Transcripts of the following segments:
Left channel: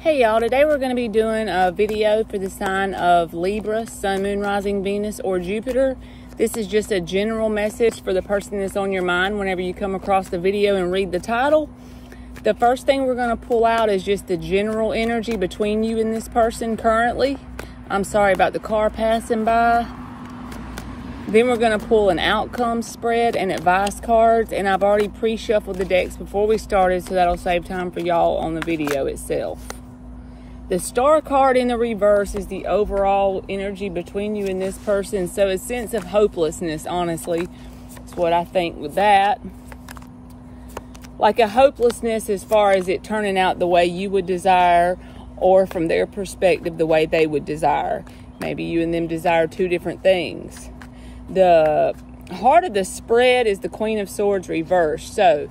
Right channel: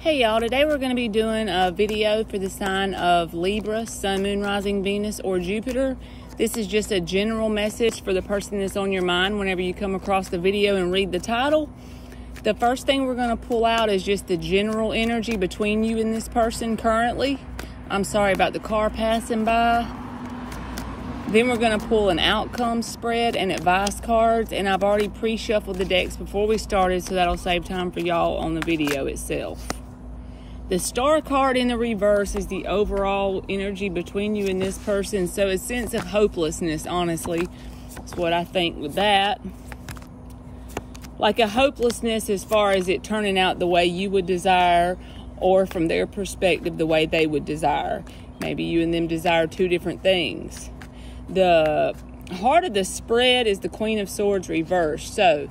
Hey y'all, today we're going to be doing a video for the sign of Libra, Sun, Moon, Rising, Venus, or Jupiter. This is just a general message for the person that's on your mind whenever you come across the video and read the title. The first thing we're going to pull out is just the general energy between you and this person currently. I'm sorry about the car passing by. Then we're going to pull an outcome spread and advice cards, and I've already pre-shuffled the decks before we started, so that'll save time for y'all on the video itself. The star card in the reverse is the overall energy between you and this person. So a sense of hopelessness, honestly, is what I think with that. Like a hopelessness as far as it turning out the way you would desire, or from their perspective, the way they would desire. Maybe you and them desire two different things. The heart of the spread is the Queen of Swords reversed. So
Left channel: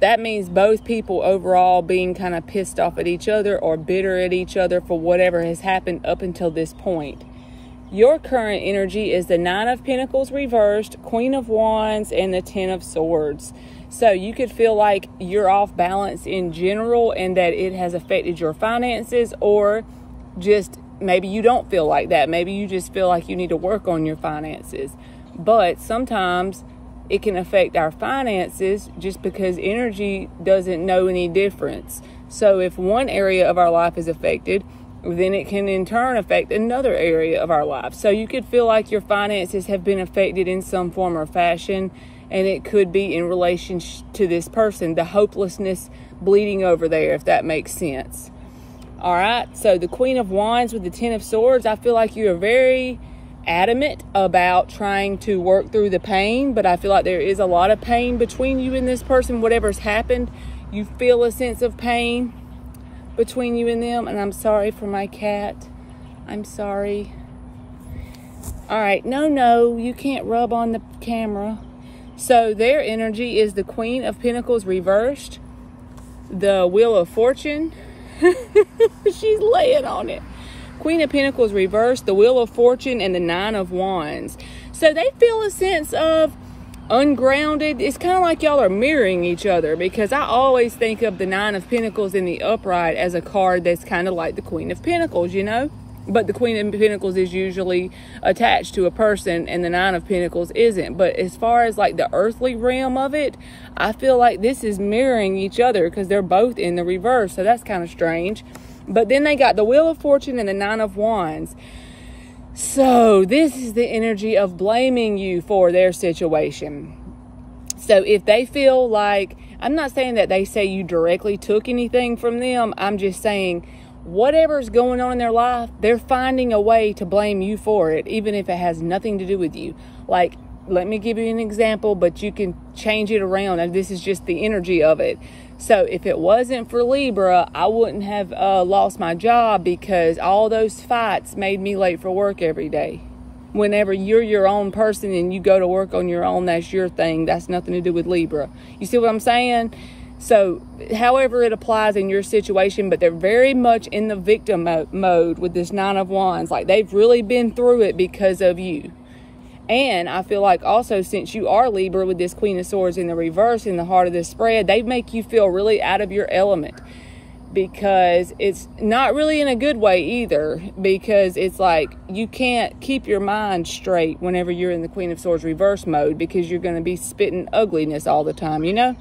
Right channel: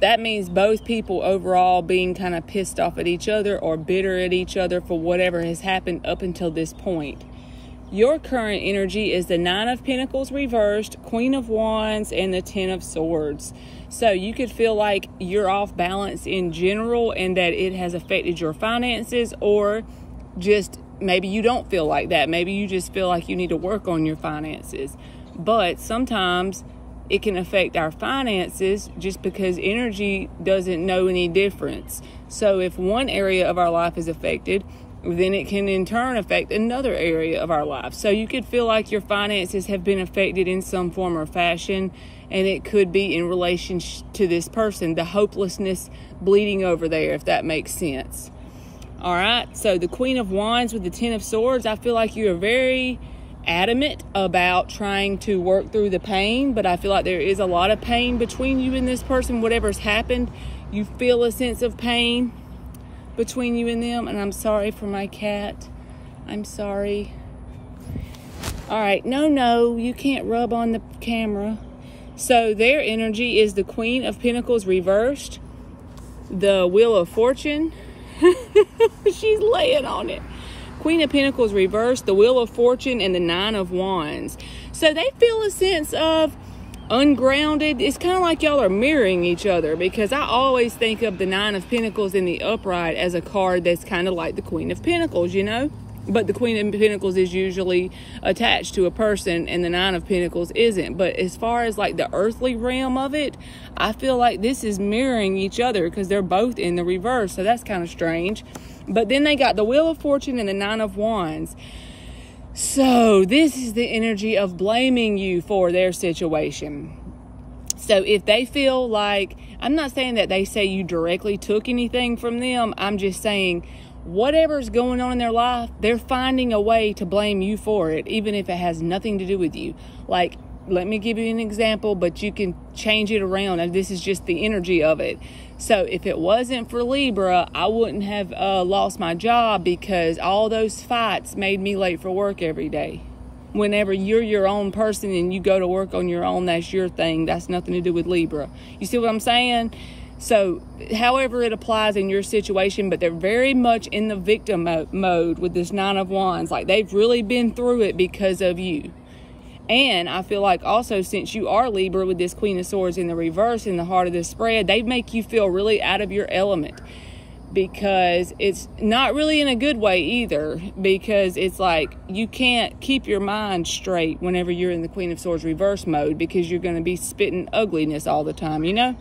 that means both people overall being kind of pissed off at each other or bitter at each other for whatever has happened up until this point. Your current energy is the Nine of Pentacles reversed, Queen of Wands, and the Ten of Swords. So you could feel like you're off balance in general and that it has affected your finances, or just maybe you don't feel like that. Maybe you just feel like you need to work on your finances. But sometimes it can affect our finances just because energy doesn't know any difference. So if one area of our life is affected, then it can in turn affect another area of our life. So you could feel like your finances have been affected in some form or fashion, and it could be in relation to this person, the hopelessness bleeding over there, if that makes sense. All right, so the Queen of Wands with the Ten of Swords, I feel like you are very adamant about trying to work through the pain, but I feel like there is a lot of pain between you and this person. Whatever's happened, you feel a sense of pain between you and them. And I'm sorry for my cat. I'm sorry. All right, no, you can't rub on the camera. So their energy is the Queen of Pentacles reversed, the Wheel of Fortune. She's laying on it. Queen of Pentacles reversed, the Wheel of Fortune, and the Nine of Wands. So they feel a sense of ungrounded. It's kind of like y'all are mirroring each other, because I always think of the Nine of Pentacles in the upright as a card that's kind of like the Queen of Pentacles, you know? But the Queen of Pentacles is usually attached to a person and the Nine of Pentacles isn't. But as far as like the earthly realm of it, I feel like this is mirroring each other because they're both in the reverse. So that's kind of strange. But then they got the Wheel of Fortune and the Nine of Wands. So this is the energy of blaming you for their situation. So if they feel like, I'm not saying that they say you directly took anything from them. I'm just saying whatever's going on in their life, they're finding a way to blame you for it, even if it has nothing to do with you. Like, let me give you an example, but you can change it around. And this is just the energy of it. So if it wasn't for Libra, I wouldn't have lost my job because all those fights made me late for work every day. Whenever you're your own person and you go to work on your own, that's your thing. That's nothing to do with Libra. You see what I'm saying? So however it applies in your situation, but they're very much in the victim mode with this Nine of Wands. Like they've really been through it because of you. And I feel like also, since you are Libra with this Queen of Swords in the reverse in the heart of the spread, they make you feel really out of your element, because it's not really in a good way either, because it's like you can't keep your mind straight whenever you're in the Queen of Swords reverse mode, because you're going to be spitting ugliness all the time, you know?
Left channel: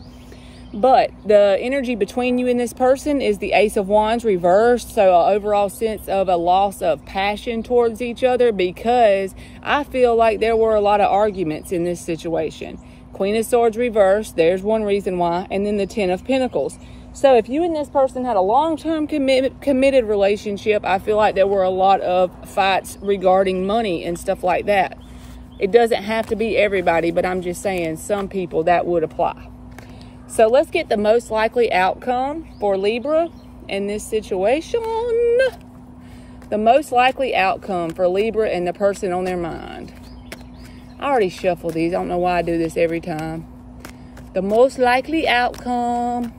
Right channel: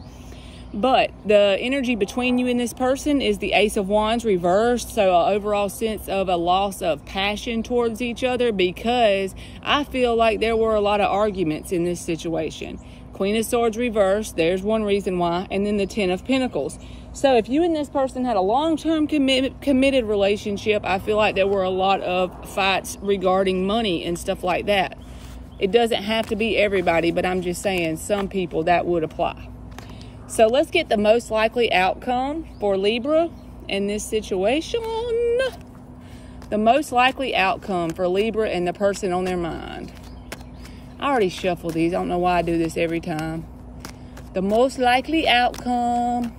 But the energy between you and this person is the Ace of Wands reversed. So an overall sense of a loss of passion towards each other, because I feel like there were a lot of arguments in this situation. Queen of Swords reversed, there's one reason why. And then the Ten of Pentacles. So if you and this person had a long-term committed relationship, I feel like there were a lot of fights regarding money and stuff like that. It doesn't have to be everybody, but I'm just saying some people that would apply. So let's get the most likely outcome for Libra in this situation. The most likely outcome for Libra and the person on their mind. I already shuffled these. I don't know why I do this every time. The most likely outcome.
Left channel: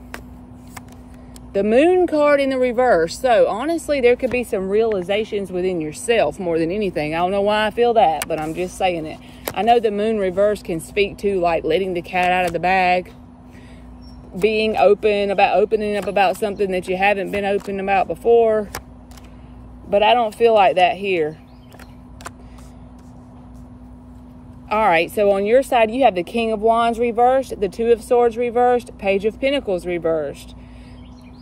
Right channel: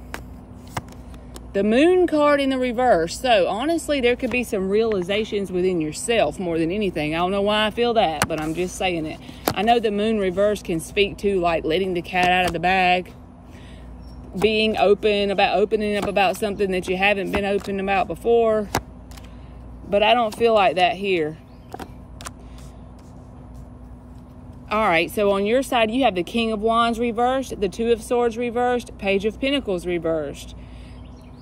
The Moon card in the reverse. So honestly, there could be some realizations within yourself more than anything. I don't know why I feel that, but I'm just saying it. I know the Moon reverse can speak to like letting the cat out of the bag. being opening up about something that you haven't been open about before. But I don't feel like that here. All right, so on your side, you have the King of Wands reversed, the Two of Swords reversed, Page of Pentacles reversed.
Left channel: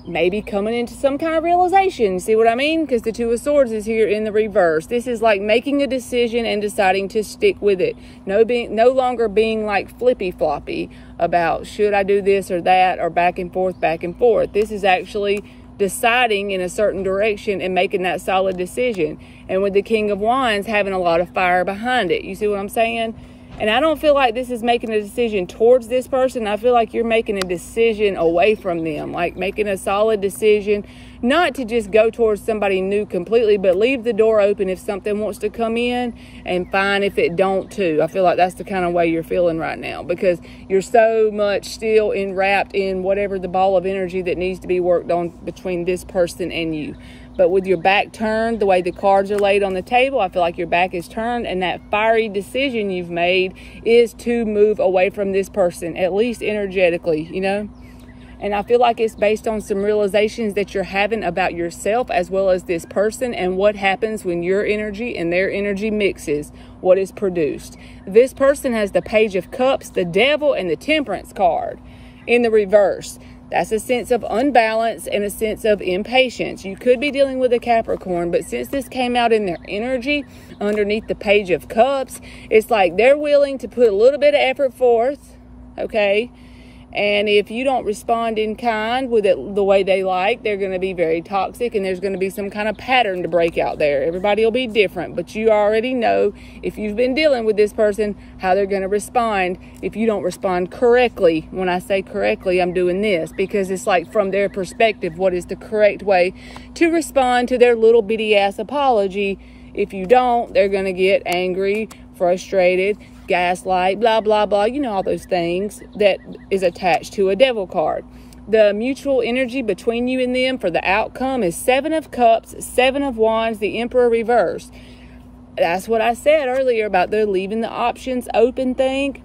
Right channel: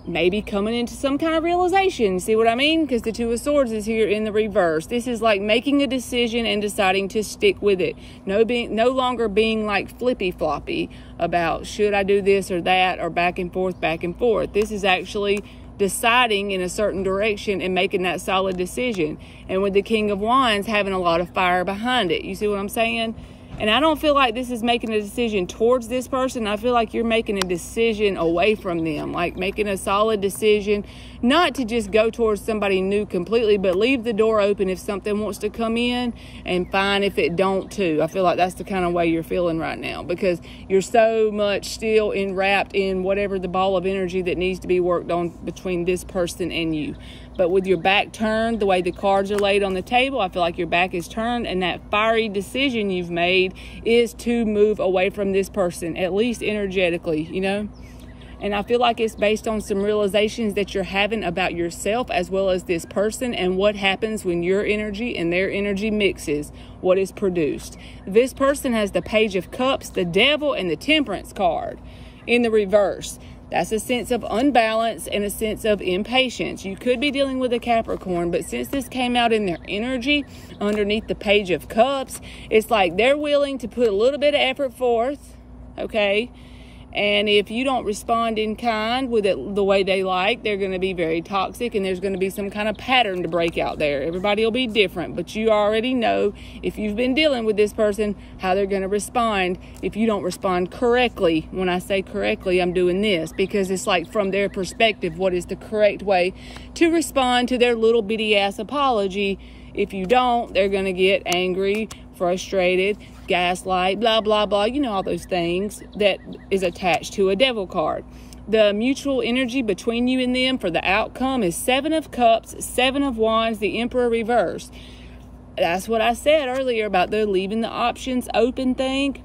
Maybe coming into some kind of realization. See what I mean? Because the Two of Swords is here in the reverse. This is like making a decision and deciding to stick with it. No longer being like flippy floppy about should I do this or that, or back and forth, back and forth. This is actually deciding in a certain direction and making that solid decision. And with the King of Wands having a lot of fire behind it. You see what I'm saying? And I don't feel like this is making a decision towards this person. I feel like you're making a decision away from them, like making a solid decision, not to just go towards somebody new completely, but leave the door open if something wants to come in, and fine if it don't too. I feel like that's the kind of way you're feeling right now, because you're so much still enwrapped in whatever the ball of energy that needs to be worked on between this person and you. But with your back turned, the way the cards are laid on the table, I feel like your back is turned, and that fiery decision you've made is to move away from this person, at least energetically, you know? And I feel like it's based on some realizations that you're having about yourself as well as this person, and what happens when your energy and their energy mixes, what is produced. This person has the Page of Cups, the Devil, and the Temperance card in the reverse. That's a sense of unbalance and a sense of impatience. You could be dealing with a Capricorn, but since this came out in their energy underneath the Page of Cups, it's like they're willing to put a little bit of effort forth, okay? And if you don't respond in kind with it the way they like, they're going to be very toxic, and there's going to be some kind of pattern to break out there. Everybody will be different, but you already know, if you've been dealing with this person, how they're going to respond if you don't respond correctly. When I say correctly, I'm doing this because it's like from their perspective, what is the correct way to respond to their little bitty ass apology. If you don't, they're going to get angry, frustrated, gaslight, blah, blah, blah. You know, all those things that is attached to a Devil card. The mutual energy between you and them for the outcome is Seven of Cups, Seven of Wands, the Emperor reverse. That's what I said earlier about they're leaving the options open thing.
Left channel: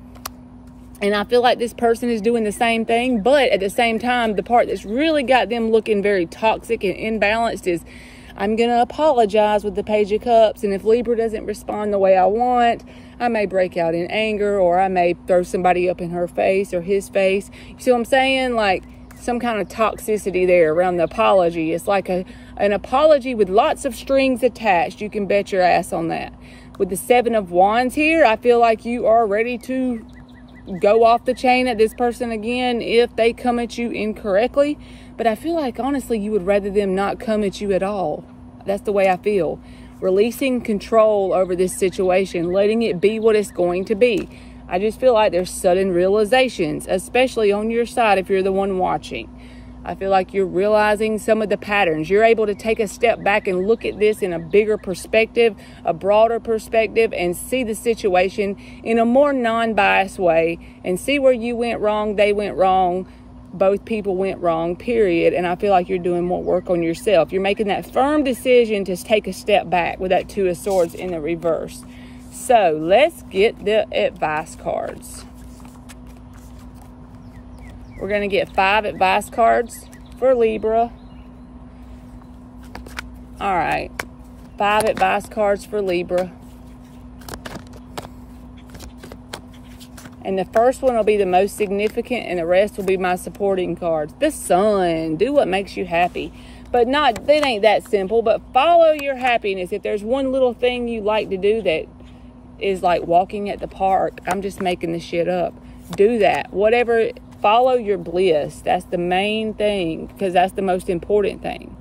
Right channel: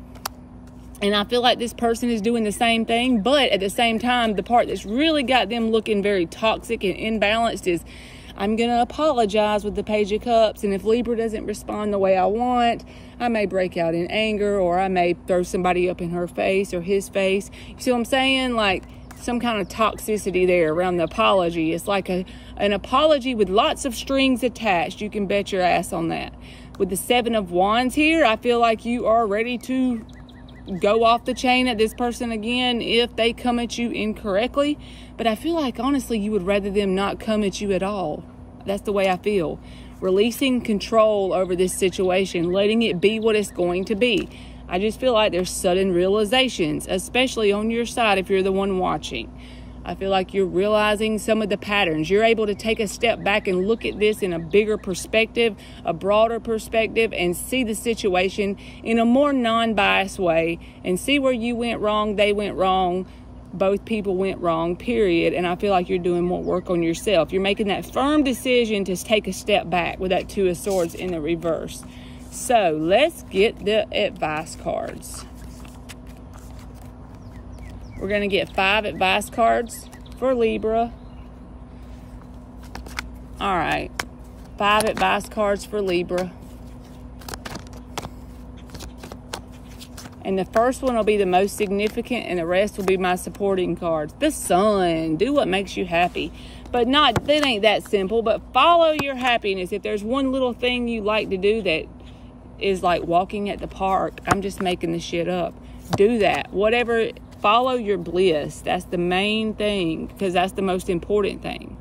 And I feel like this person is doing the same thing, but at the same time, the part that's really got them looking very toxic and imbalanced is, I'm going to apologize with the Page of Cups, and if Libra doesn't respond the way I want, I may break out in anger, or I may throw somebody up in her face or his face. You see what I'm saying? Like some kind of toxicity there around the apology. It's like an apology with lots of strings attached. You can bet your ass on that. With the Seven of Wands here, I feel like you are ready to go off the chain at this person again if they come at you incorrectly. But I feel like, honestly, you would rather them not come at you at all. That's the way I feel. Releasing control over this situation, letting it be what it's going to be. I just feel like there's sudden realizations, especially on your side if you're the one watching. I feel like you're realizing some of the patterns. You're able to take a step back and look at this in a bigger perspective, a broader perspective, and see the situation in a more non-biased way, and see where you went wrong, they went wrong, both people went wrong, period. And I feel like you're doing more work on yourself. You're making that firm decision to take a step back with that Two of Swords in the reverse. So let's get the advice cards. We're going to get 5 advice cards for Libra. All right. 5 advice cards for Libra. And the first one will be the most significant, and the rest will be my supporting cards. The Sun. Do what makes you happy. But that ain't that simple. But follow your happiness. If there's one little thing you like to do that is like walking at the park, I'm just making this shit up. Do that. Whatever. Follow your bliss. That's the main thing, because that's the most important thing.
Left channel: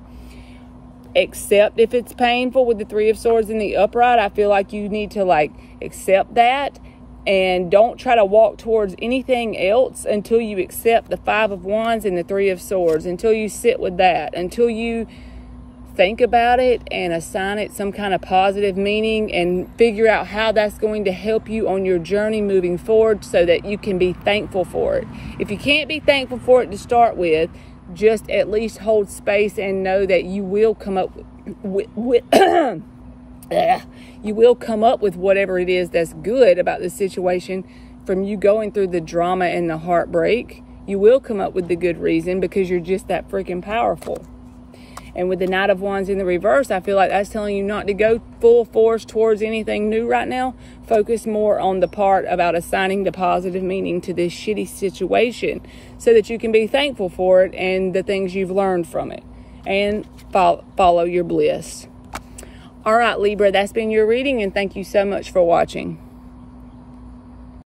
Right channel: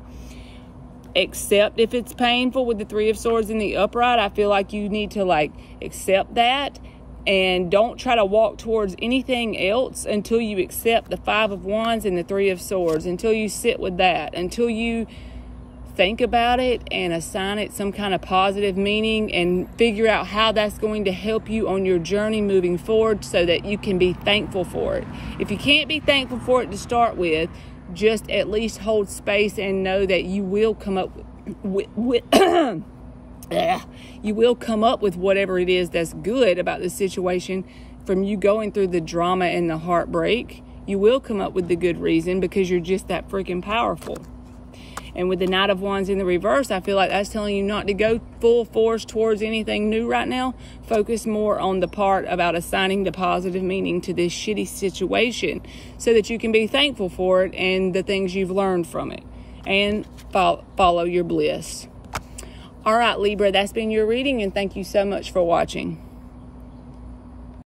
Accept if it's painful with the Three of Swords in the upright. I feel like you need to like accept that. And don't try to walk towards anything else until you accept the Five of Wands and the Three of Swords. Until you sit with that. Until you think about it and assign it some kind of positive meaning and figure out how that's going to help you on your journey moving forward, so that you can be thankful for it. If you can't be thankful for it to start with, just at least hold space and know that you will come up with you will come up with whatever it is that's good about the situation from you going through the drama and the heartbreak. You will come up with the good reason because you're just that freaking powerful. And with the Knight of Wands in the reverse, I feel like that's telling you not to go full force towards anything new right now. Focus more on the part about assigning the positive meaning to this shitty situation so that you can be thankful for it and the things you've learned from it. And follow your bliss. All right, Libra, that's been your reading, and thank you so much for watching.